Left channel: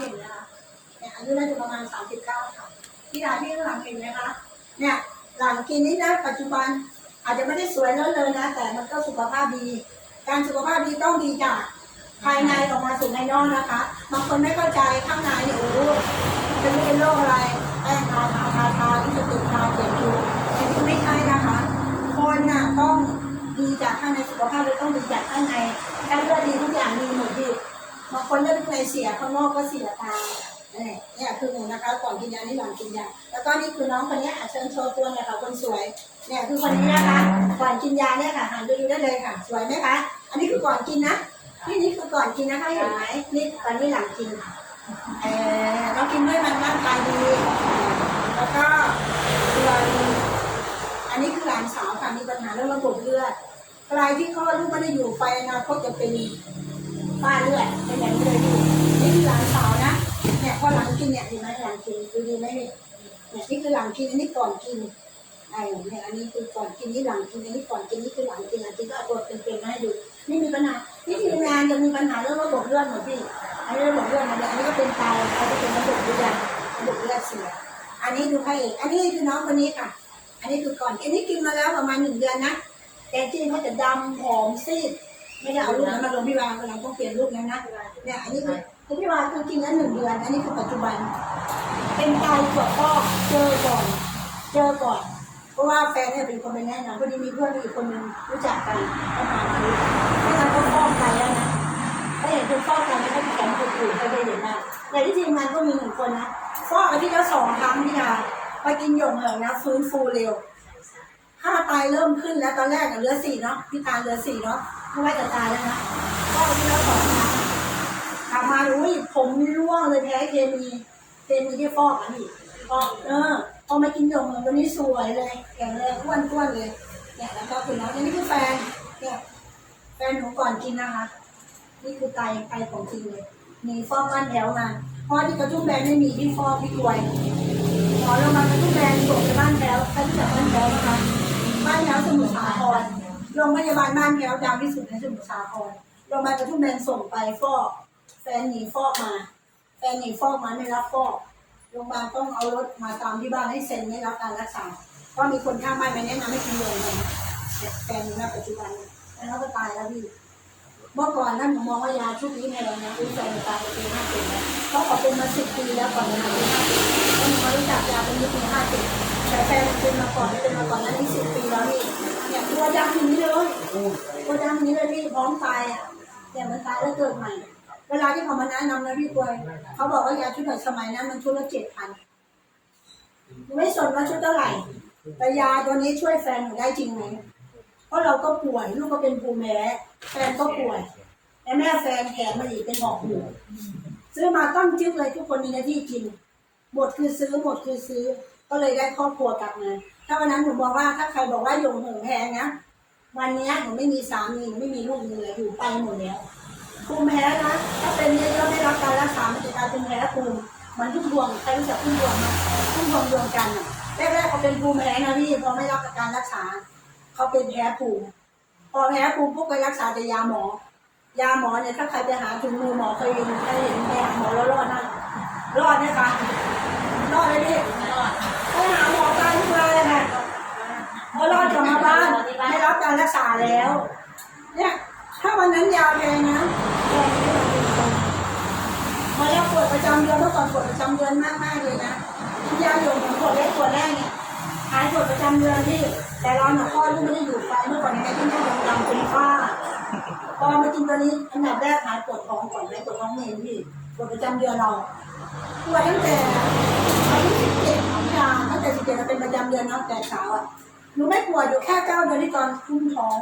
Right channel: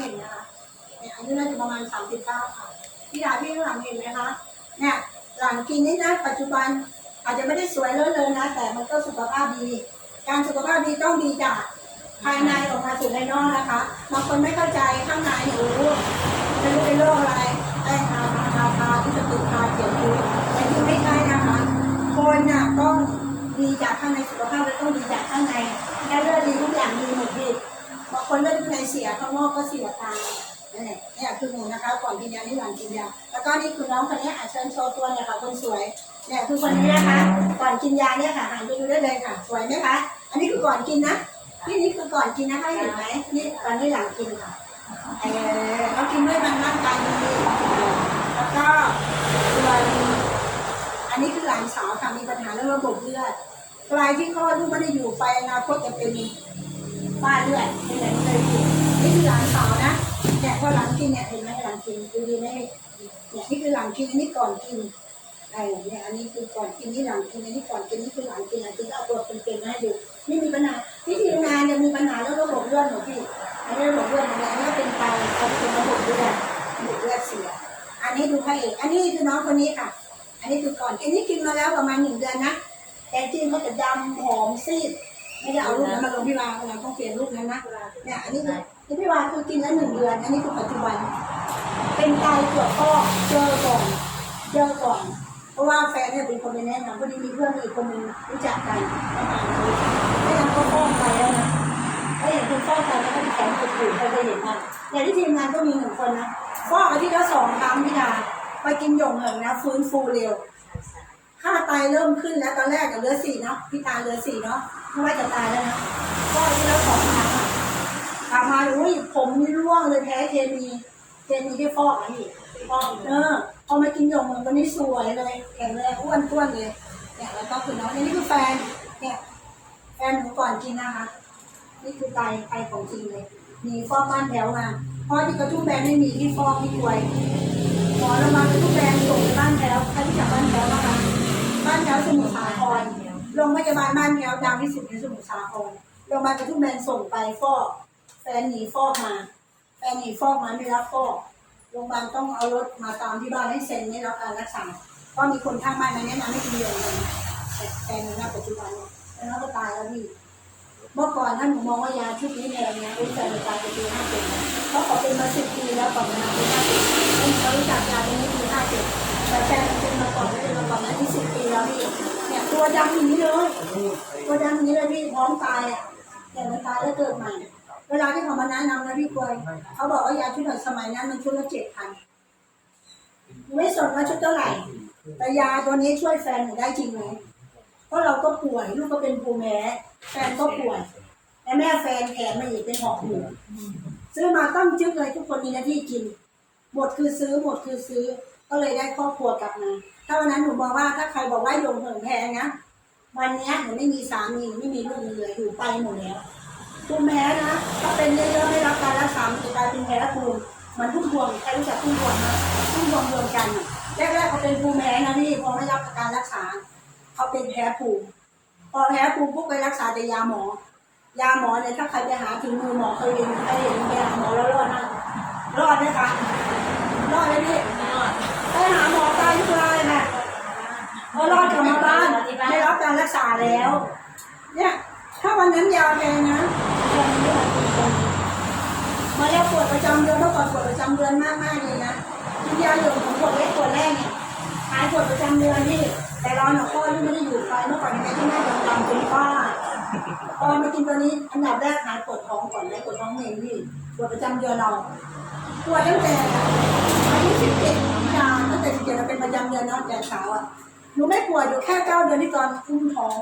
เห็นไหมคะเนี่ยอายุน่าจะประมาณสามสิบเก้าค่ะพี่ดาพี่ข้างหลังเห็นไหมคะเนี่ยหลังกินนี่นะปัจจุบันอาจจะไม่ได้สวยเลอะเลยนะ แต่มันก็สุขภาพดี การสุขภาพดีต้องดีจากภายในออกมาสู่ภายนอกนะคะบางคนไม่เข้าใจข้างในเนี่ยโอ้โหไม่รู้เป็นโรคอะไรแป้ทาทาทาทาที่จะติดทาเขียนคิ้วแต่จริงไม่ใช่นะคะ คนน่ะต้องดีจากข้างในสุขภาพและต้องดีจากข้างในถ้าเลือดดีทุกอย่างดีหมดพี่ บางคนเลือดข้างในเสียข้างนอกก็เสียตามเนี่ยคือหนูนะคะ ก่อนกินยานี่หลังกินยาแล้วก็นี่คือน้องคนนี้อาเชิญโชว์ตัวเนี่ยค่ะคนสวยเนี่ยคือคนนี้นะคะ ก่อนกินยาเนี่ยค่ะหันไปดูได้เลยค่ะ สวยไหมคะอันนี้คือก่อนกินนะนี่นี่คือก่อนกินนะคะเห็นไหมนี่ตอนนี้หลังกินค่ะเออเรากินด้วยมันร่างกายดีแล้วก็ตัวอันนี้คือหลานสาวค่ะมีปัญหาเรื่องระบบเลือดใครที่คลอดลูกไม่ได้อยู่ไปอนาคตจะเป็น ฝ้าเลือดเป็นอย่างนี้เลยพี่นี่คือหลานสาวนะเนี่ยพอหลังกินเนี่ยเห็นไหมหลังกินดูดีไหมเนี่ยนี่คือหลังกินอันนี้ก่อนกินไอ้เนี่ยอันนี้คือก่อนกินนี่หลังกินอันนี้ก่อนกินนี่คือหลังกินหลังกินก็เอาตัวเป็นๆมาให้ดูไม่มีปัญหาที่ทีมงานจะมีปัญหาเรื่องระบบเลือดหมดพี่อันนี้ระบบเลือดมันเนี่ยอันนี้ก็เป็นไตเขาเป็นระบบเลือดระบบเลือดเสีย อันนี้ดูพระเอกอันนี้คือน้องคนนี้ค่ะ อันนี้คือก่อนอันนี้กินมาแล้วประมาณหนึ่งเดือนนะแต่จริงเขาจะดำหอมซีด ไม่ได้เอารูปนั้นมาลงพี่วาเราต้องเปลี่ยนรูปนั้นนะเนี่ยอันนี้คือคือพี่วาคือกินแล้วหนึ่งเดือน อันนี้คือปัจจุบัน เป็นไตตรวจพ่อเจอก่อน เจอก่อน เพราะว่าแฟนเนี่ยเป็นคนไปแนะนำพอดีมีเพื่อนอีกคนนึงรู้จักกันก็พามารู้จักไม่งั้นก็ฟอกไตแล้วนะถ้าอย่างคุณฟอกไตแล้วก็แข็งปวดปวดใครเคยเห็นบ้างอย่างที่ทีมงานก็มีหนึ่งคนนะฟอกอาทิตย์ละสองครั้งพี่ดาไปกินหยงเหิงนะฟื้นฟูเร็วค่าไตเริ่มขึ้นแล้วตอนแรกกับเหลือสี่เนาะพี่ตาเหลือสี่เนาะ ไม่ว่าจะตายแล้วนะก็ที่แล้วสองครั้งอะกลับมาอุ้ยผมนี่ร่วงเลยแพ้เคมีเคมีที่ฟอกอะพี่ฟอกเออพอมากินหยงเหิงวันนี้สวยเลยแข็งแรงอ้วนต้วนเลยเนี่ยแล้วก็คือน้องเนี่ยนี่คือแฟนเนี่ยแฟนหนูก่อนกินนะคะ นี่คือไตไตของจริงเลยมีฟอกบ้านแถวมาเพราะที่กระทุ่มแบนไม่มีที่ฟอกที่กวยหมอโรงพยาบาลกระทุ่มแบนส่งไปบ้านแถวใครที่จากบ้านแถวนะคะบ้านแถวสมุทรสาคร โรงพยาบาลบ้านแถวดังที่สุดในสมุทรสาครโรงพยาบาลกระทุ่มแบนส่งไปฟอก แฟนหนีฟอกมา แฟนหนีฟอกมาไม่รับฟอก โรงพยาบาลต้องเอารถมาตามที่บ้านให้เซ็นไม่รับการรักษาเพราะมีคนข้างบ้านมาแนะนำให้กินยาเลยแต่แฟนหนูณปัจจุบันเนี่ยแล้วก็ตายแล้วพี่เมื่อก่อนท่านผมมองว่ายาชุดนี้เนี่ยอะไรเงี้ยรู้ใจในตายไปปีห้าเจ็ดแล้วเพราขาเป็นมาสิบปีแล้วก่อนจะมาปีห้าเจ็ดแล้วผมมารู้จักยาเป็นปีห้าเจ็ดแต่แฟนเป็นมาก่อนเป็นมาก่อนนั้นที่สิบปีแล้วพี่เนี่ ตัวดำอย่างนี้เลย ตัวดำอย่างนี้เลยพี่พร้อมตายอะเนี่ยมันตายแล้วเกิดใหม่ เวลาที่เขามาแนะนำนะพี่กวยเขาบอกว่ายาชุดหน่อยสมัยนั้นมันชุดละเจ็ดพันไม่สนว่าชุดเท่าไหร่ แต่ยาตัวนี้ช่วยแฟนหนูได้จริงไหมเพราะเราก็ป่วยลูกก็เป็นภูมิแพ้แฟนก็ป่วยและแม่แฟนแถมมาอีกเป็นหอบหืดซื้อมาต้องจึ๊กเลยทุกคนมีหน้าที่กินหมดคือซื้อหมดคือซื้อ ก็เลยได้ครอบครัวกลับมา ถ้าวันนั้นหนูบอกว่าถ้าใครบอกว่าโยงเหิงแพงนะ วันนี้หนูไม่มีสามีหนูไม่มีลูกเลยอยู่ไปหมดแล้วภูมิแพ้นะ ถ้าเป็นเยอะๆไม่รับการรักษามันจะกลายเป็นแพ้ภูมิมันทุกดวงใครรู้จักทุกดวงไหมทุกดวงดวงกันอะแรกๆเขาเป็นภูมิแพ้นะพี่พอไม่รับการรักษาเขาเป็นแพ้ภูมิพอแพ้ภูมิปุ๊บไปรักษาแต่ยาหมอ ยาหมอเนี่ยถ้าใครไปหาถึงมือหมอเคยเห็นเคยเห็นไปหาหมอแล้วรอดนะรอดไหมคะรอดไหมพี่ ไปหาหมอตายทุกรายค่ะพอรอดกลับมาบ้านได้รับการรักษาแล้ว เนี่ย ถ้าวันนั้นยาแพงนะแพงไม่ไหวจริงๆมาแล้วปวดประจำเดือนเมื่อก่อนปวดประจำเดือนมากมากเลยนะกินยาหยดของปวดเล็กปวดแรกเนี่ยหายปวดประจำเดือนที่แต่เราหนูพ่อลูกไม่ได้อยู่ไปเมื่อก่อนในแม่ที่แม่โดนทำเป็นฝ้าพอมากินตัวนี้อันดับแรกหายปวดท้องก่อนไหมปวดท้องเองพี่ปวดประจำเดือนเราปวดตั้งแต่อายุสิบเจ็ด ยาตั้งแต่สิบเจ็ดเราเป็นประจำเดือนเนาะแต่สาวอะหนูไม่ปวดอยู่แค่เก้าเดือนที่ตอนคุ้มท้อง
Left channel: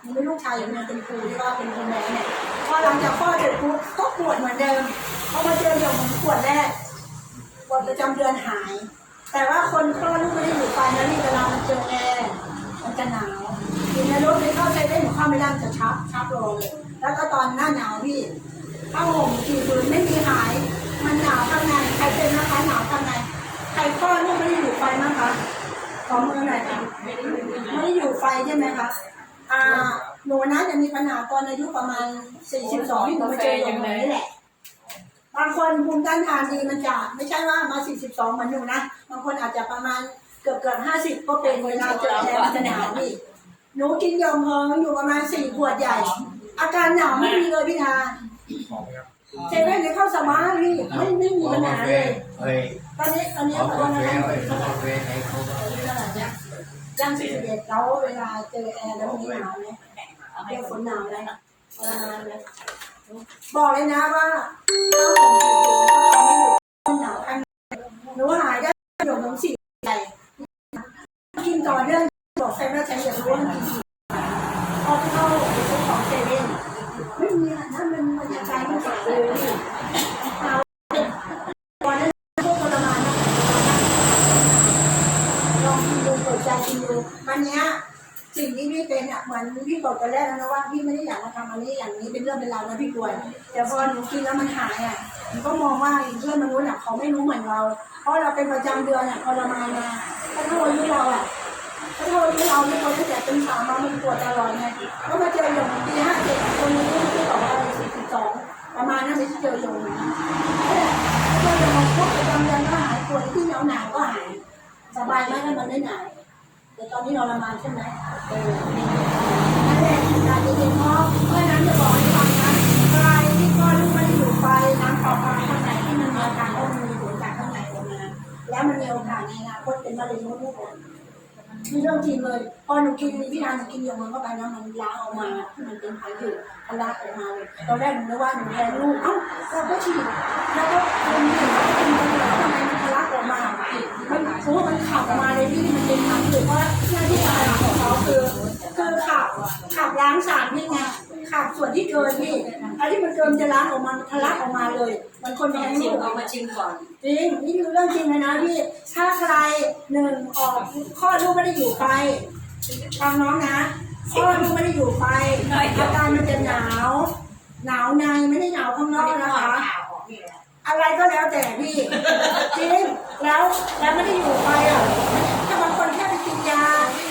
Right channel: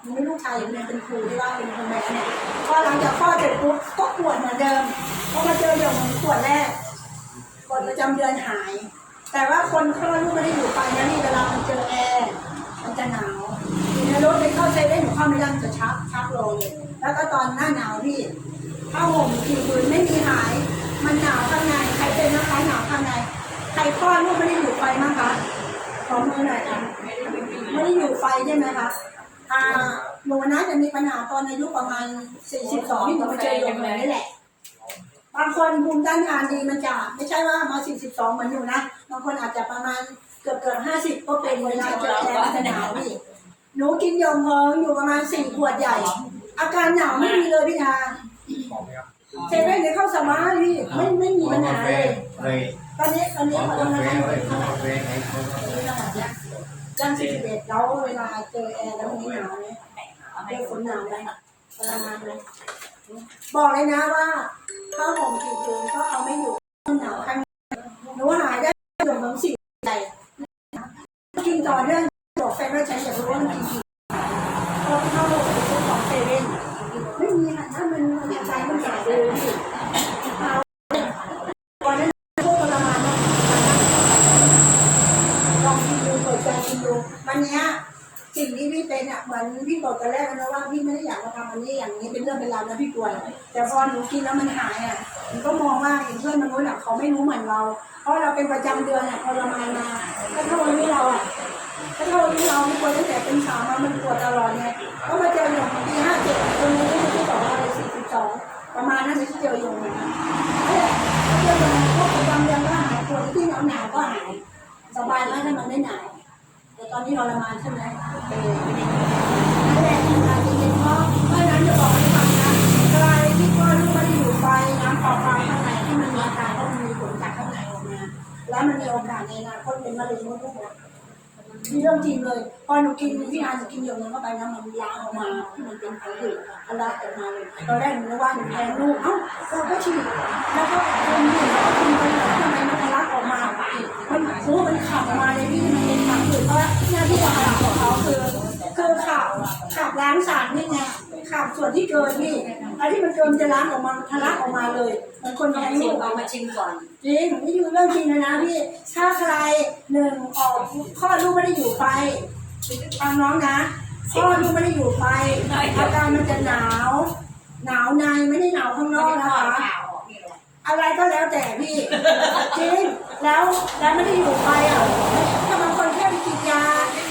หนูไม่ลูกชายอยู่คนเดียวเป็นครูที่ว่าเป็นครูแม่เนี่ยพอหลังจากคลอดเสร็จปุ๊บก็ปวดเหมือนเดิมพอมาเจอเดี๋ยวมันปวดแรกปวดประจำเดือนหาย แต่ว่าคนคลอดลูกไม่ได้อยู่ไปนะนี่เวลามันเจอแอร์มันจะหนาวอยู่ในรถไปเข้าเซเว่นหนูเข้าไม่ได้จะชักชักรอเลย แล้วก็ตอนหน้าหนาวพี่ผ้าห่มกี่คืนไม่มีหาย มันหนาวข้างในใครเป็นนะคะหนาวข้างใน ใครคลอดลูกไม่ได้อยู่ไฟมั้งคะขอมือหน่อยค่ะไม่ได้อยู่ไฟใช่ไหมคะอ่าหนูนะจะมีปัญหาตอนอายุประมาณ 42ที่หนูมาเจอโยมเลยนี่แหละ บางคนภูมิต้านทานดีมันจะไม่ใช่ว่ามา 42 เหมือนหนูนะ บางคนอาจจะประมาณเกือบเกือบ50ก็เป็นเวลาเจอแดดมันจะหนาวพี่หนูกินยงพองอยู่ประมาณสี่ขวดใหญ่ อาการหนาวไม่มีเลยพี่ทาหอมไหมครับเซเว่นเนี่ยเข้าสบายพี่ไม่ไม่มีปัญหาเลยเฮ้ยต อนนี้ตอนนี้ขอโทษนะคะเฮ้ยเอากาแฟให้เขาย่าง41แล้วเวลาเจอแอร์แล้วมันหนาวไหมเรียกฝนหนาวไหมทรมานไหมบอกเลยนะว่าถ้าผมอยู่ก็เอาไม่อยู่หนาวข้างหนูหายได้หยดน้ำสีใหญ่กินต่อเนื่องบอกแฟนว่าฉันอยากรู้ว่ามันกินกี่พอเข้าไปซื้อของเซเว่นไม่มีค่ะถ้ามันมันใจมันหายเลยพี่เอาก่อนนั้นพวกทรมานนะลองกินดูเปิดใจกินดูวันเนี้ยสิ่งที่พี่ เป็นอะเหมือนพี่บอกตอนแรกแล้วนะว่าพี่ไม่ได้อยากมาทำอันนี้อย่างนี้เป็นเรื่องเป็นราวนะพี่กลัวแต่พอหนูกินแล้วมันหายอะหนูก็มองว่าเพื่อนมนุษย์อะเขาไม่รู้เหมือนเรา เพราะเราเป็นประจำเดือนอะทรมานมาถ้าเท่าอายุเราอะถ้าเท่าอายุเราไม่ควรตั้งแต่เป็นสาวมามันปวดตลอดไงเพราะมาเจออย่างปีห้าเจ็ดคนนี้ที่บอกว่าสี่สิบสองประมาณนั้นที่เจออยู่นะนั่นแหละเจออย่างพวกประจำเดือนก็หายปวดที่หนาวหนาวก็หายสบายมากถ้ามันไม่หนาว แต่ตอนนี้ทรมานใช่ไหมเออนั่นแหละทำงานจริงๆเพราะเพราะฉะนั้นจะบอกให้ฟังนะใครที่ก้อนลูกไม่ได้อยู่ไปน้ำเปล่าๆข้างในที่มันมีอาการก็มันมีผลจากข้างในออกมา แล้วมันมีโอกาสในอนาคตเป็นมะเร็งมดลูกอ่อ นมีเรื่องจริงเลย พอหนูกินพี่อาหนูกินยามันเข้าไปนะมันล้างออกมาที่มันเป็นพังผืดทะลักออกมาเลยตอนแรกหนูนึกว่าหนูแพ้ลูกเอ้าเราก็ฉีดแล้วก็คนอยู่แล้วก็กินไปเลยแล้วทำไมมันทะลักออกมามันโอ้มันขับออกมาเลยพี่มันเป็นพังผืดเพราะหน้าที่าหารของเขาคือคือขับขับล้างสารนี่ไง ขับส่วนที่เกินพี่อะไรที่มันเกินจะล้างออกมามันทะลักออกมาเลยมันคนแพ้ลูกเอามาชิมก่อนจริงนี่คือเรื่องจริงเลยนะพี่ถ้าใครหนึ่งออกข้อดลูกไม่ได้อยู่ไปฟังน้องนะข้อดลูกไม่ได้อยู่ไปอาการมันจะหนาว หนาวในไม่ได้หนาวข้างนอกนะคะ อะไรก็แล้วแต่พี่จริงแล้วแล้วไม่ได้อยู่ไปอะถ้าบางคนแค่ไปกินยา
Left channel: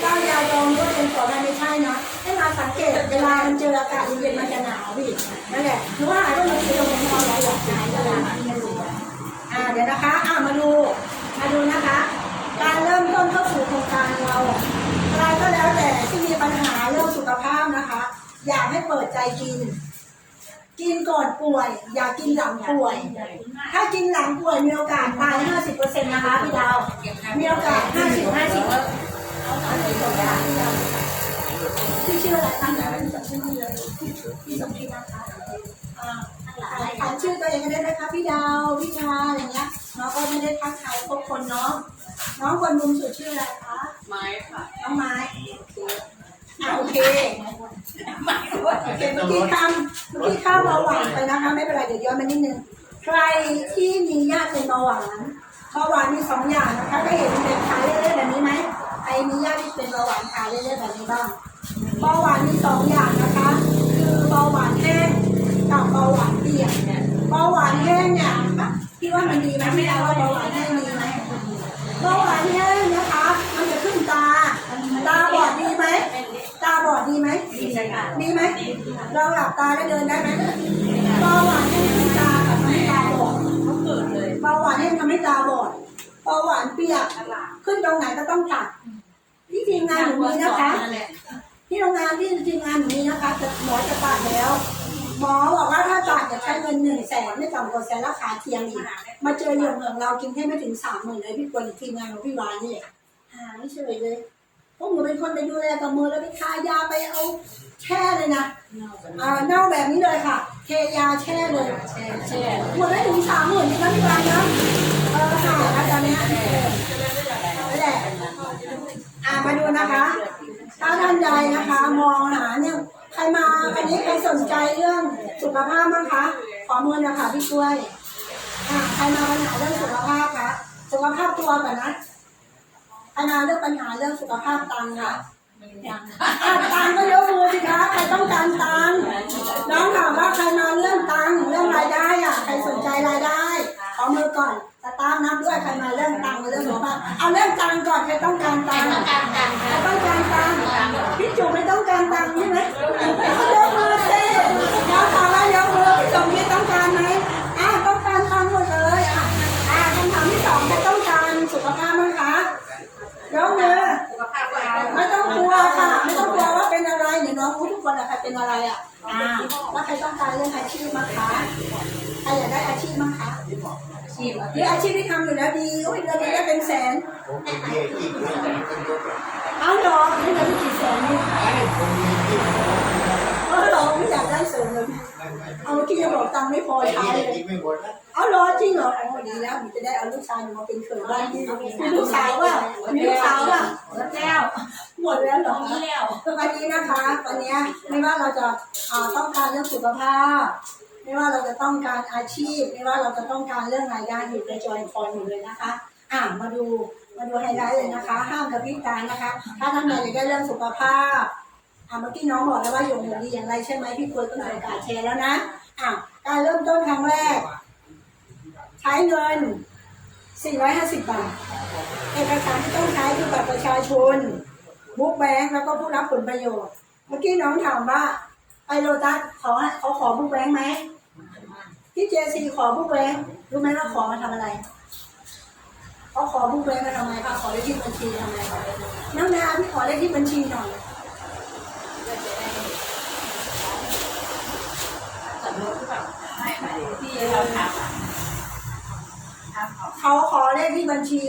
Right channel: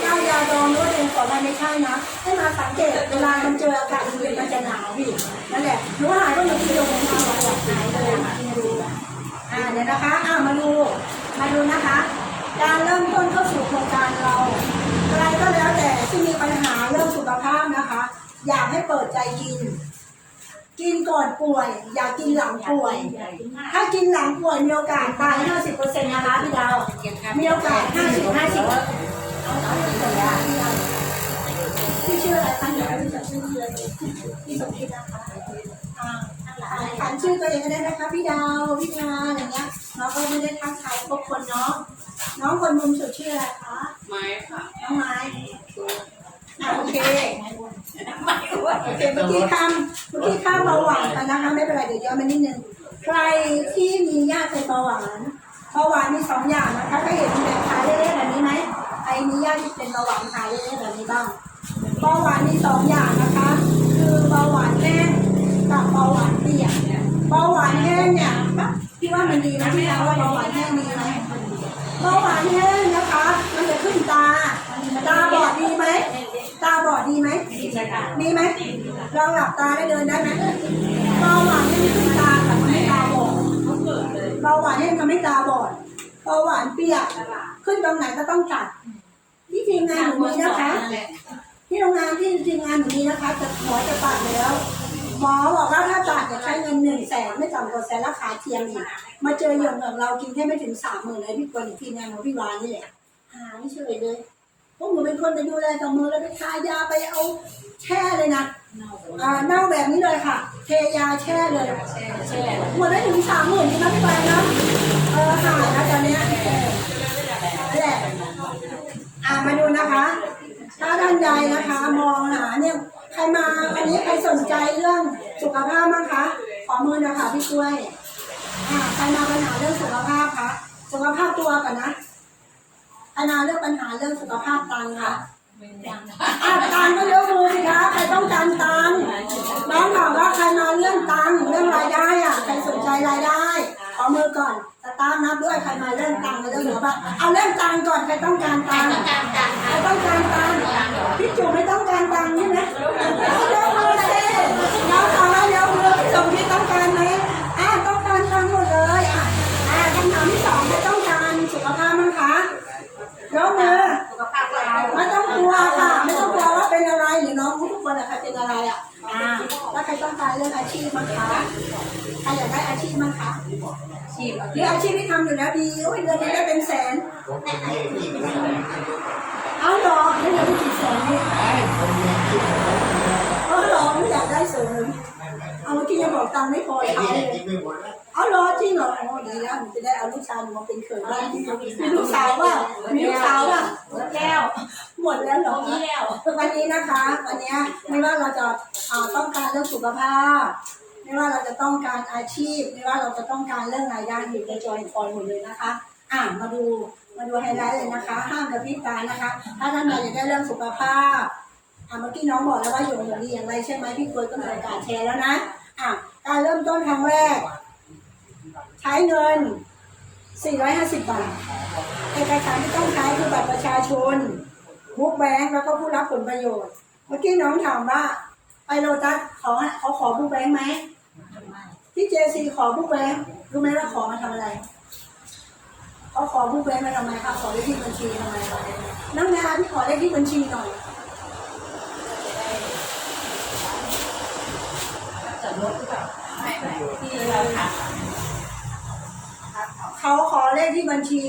ก้ายาดองหรือว่าเป็นก่อนนั้นไม่ใช่นะให้มาสังเกตเวลามันเจออากาศเย็นมันจะหนาวพี่นั่นแหละหรือว่าหายก็มากินยาดองเราแบบหายเลยกินมาดูอ่าเดี๋ยวนะคะอ่ามาดูมาดูนะคะ การเริ่มต้นเข้าสู่โครงการเราอะไรก็แล้วแต่ที่มีปัญหาเรื่องสุขภาพนะคะ อยากให้เปิดใจกิน กินก่อนป่วย อย่ากินหลังป่วย ถ้ากินหลังป่วยมีโอกาสตาย 50%นะคะพี่ดาว มีโอกาส 50 50เอาเอาเลยก่อนนะคะพี่ดาวพี่ชื่ออะไรคะเดี๋ยวพี่จะชื่อนี่เลยพี่สมคิดนะคะอ่าถามชื่อตัวเองก็ได้นะคะพี่ดาวพี่ชาอะไรเงี้ยน้องก็ไม่ได้ทักทายพบคนเนาะน้องคนมุมสุดชื่ออะไรคะไม้ค่ะน้องไม้อะโอเค ไม้ด้วยโอเคเมื่อกี้ข้ามเมื่อกี้ข้ามเบาหวานไปนะคะไม่เป็นไรเดี๋ยวย้อนมานิดนึงใครที่มีญาติเป็นเบาหวานเบาหวานมีสองอย่างนะคะก็เห็นแบบขายเล่อยๆแบบนี้ไหมใครมีญาติที่เป็นเบาหวานขายเล่อยๆแบบนี้บ้างเบาหวานมีสองอย่างนะคะ คือเบาหวานแห้งกับเบาหวานเปียกเบาหวานแห้งเนี่ยพี่ว่ามันดีไหมพี่ดาวว่าเบาหวานแห้งดีไหมเบาหวานแห้งนะคะ มันจะขึ้นตาบอดดีไหมตาบอดดีไหม มีไหมลองหลับตาแล้วเดินได้ไหมเบาหวานเนี่ยมันตากับทำให้ตาบอดเขาเกิดเลยเบาหวานเนี่ยทำให้ตาบอดเบาหวานเปียกขึ้นตรงไหนก็ต้องตัดที่ทีมงานหนูมีนะคะ ที่โรงงานที่ทีมงานหนูมีนะคะแต่หมอจะตัดแล้ว หมอบอกว่าถ้าตัดจะใช้เงินหนึ่งแสนไม่ต่ำกว่าแสนราคาเทียมอีกมาเจอเหยื่อเหมืองเรากินแค่ไม่ถึงสามหมื่นเลยพี่กวนทีมงานของพี่วานนี่แหละหายเฉยเลย พวกหนูเป็นคนไปดูแลกับมือแล้วไปทายาไปเอาแช่เลยนะอ่าเน่าแบบนี้เลยค่ะ เทยาแช่เลยแช่แช่หมดได้ถึงสามหมื่นนี่นะพี่บานนะเออหายนะตอนเนี้ยเออนั่นแหละอ่ามาดูนะคะ ถ้าท่านใดนะคะ มองหาเนี่ยใครมาวันนี้ใครสนใจเรื่องสุขภาพมั้งคะ ขอมือนะคะพี่กล้วยอ่าใครมาปัญหาเรื่องสุขภาพคะสุขภาพตัวก่อนนะ ใครมาเรื่องปัญหาเรื่องสุขภาพตังค์คะอาตังก็ยกมือสิคะใครต้องการตังน้องถามว่าใครมาเรื่องตังเรื่องรายได้อะใครสนใจรายได้ขอมือก่อนสตาร์ทนับด้วยใครมาเรื่องตังค์เรื่องสุขภาพเอาเรื่องตังก่อนใครต้องการตังใครต้องการตังพี่จุ๋มไม่ต้องการตังใช่ไหมยกมือสิน้องถามว่ายกมือพี่สมคิดต้องการไหม กลัวค่ะ ไม่ต้องกลัวว่าเป็นอะไรเดี๋ยวน้องรู้ทุกคนอะค่ะเป็นอะไรอะอ่าใครต้องการเรื่องอาชีพมั้งคะใครอยากได้อาชีพมั้งคะชีหรืออาชีพที่ทำอยู่แล้วดีโอ้ยเดือนนี้ได้เป็นแสนเบี้ยอกแบบเอาหรอเดือนนี้กี่แสนเนี่ยมมี อาหรอไม่อยากได้เสริมเลยเอาเมื่อกี้ยังบอกตังค์ไม่พอไอ้ใช้ที่เลยกินไม่หมดนะเอาเหรอจริงเหรอโอ้ดีแล้วหนูจะได้เอาลูกชายหนูมาเป็นเขยบ้านพี่มีลูกสาวว่ามีลูกสาวว่าแก้วหมดแล้วเหรอแก้ววันนี้นะคะวันนี้ไม่ว่าเราจะเอ่อต้องการเรื่องสุขภาพ ไม่ว่าเราจะต้องการอาชีพ ไม่ว่าเราจะต้องการเรื่องรายได้อยู่ในจอยคอยหมดเลยนะคะ อะมาดูมาดูไฮไลท์เลยนะคะ ห้ามกระพริบตานะคะ ถ้าท่านใดอยากได้เรื่องสุขภาพ อะเมื่อกี้น้องบอกแล้วว่าอยู่อย่างดีอย่างไรใช่ไหมพี่กวยก็มีโอกาสแชร์แล้วนะอะการเริ่มต้นครั้งแรก ใช้เงิน 450 บาท เอกสารที่ต้องใช้คือบัตรประชาชนบุ๊กแบงค์แล้วก็ผู้รับผลประโยชน์ เมื่อกี้น้องถามว่าไปโลตัสขอเขาขอบุ๊กแบงค์ไหมที่เจซีขอบุ๊กแบงค์รู้ไหมว่าขอมาทำอะไรเขาขอบุ๊กแบงค์มาทำไมคะขอเลขที่บัญชีทำไมน้ำนาพี่ขอเลขที่บัญชีหน่อย จอด รถหรือเปล่าไม่ไม่ที่เราทำเขาขอเลขที่บัญชี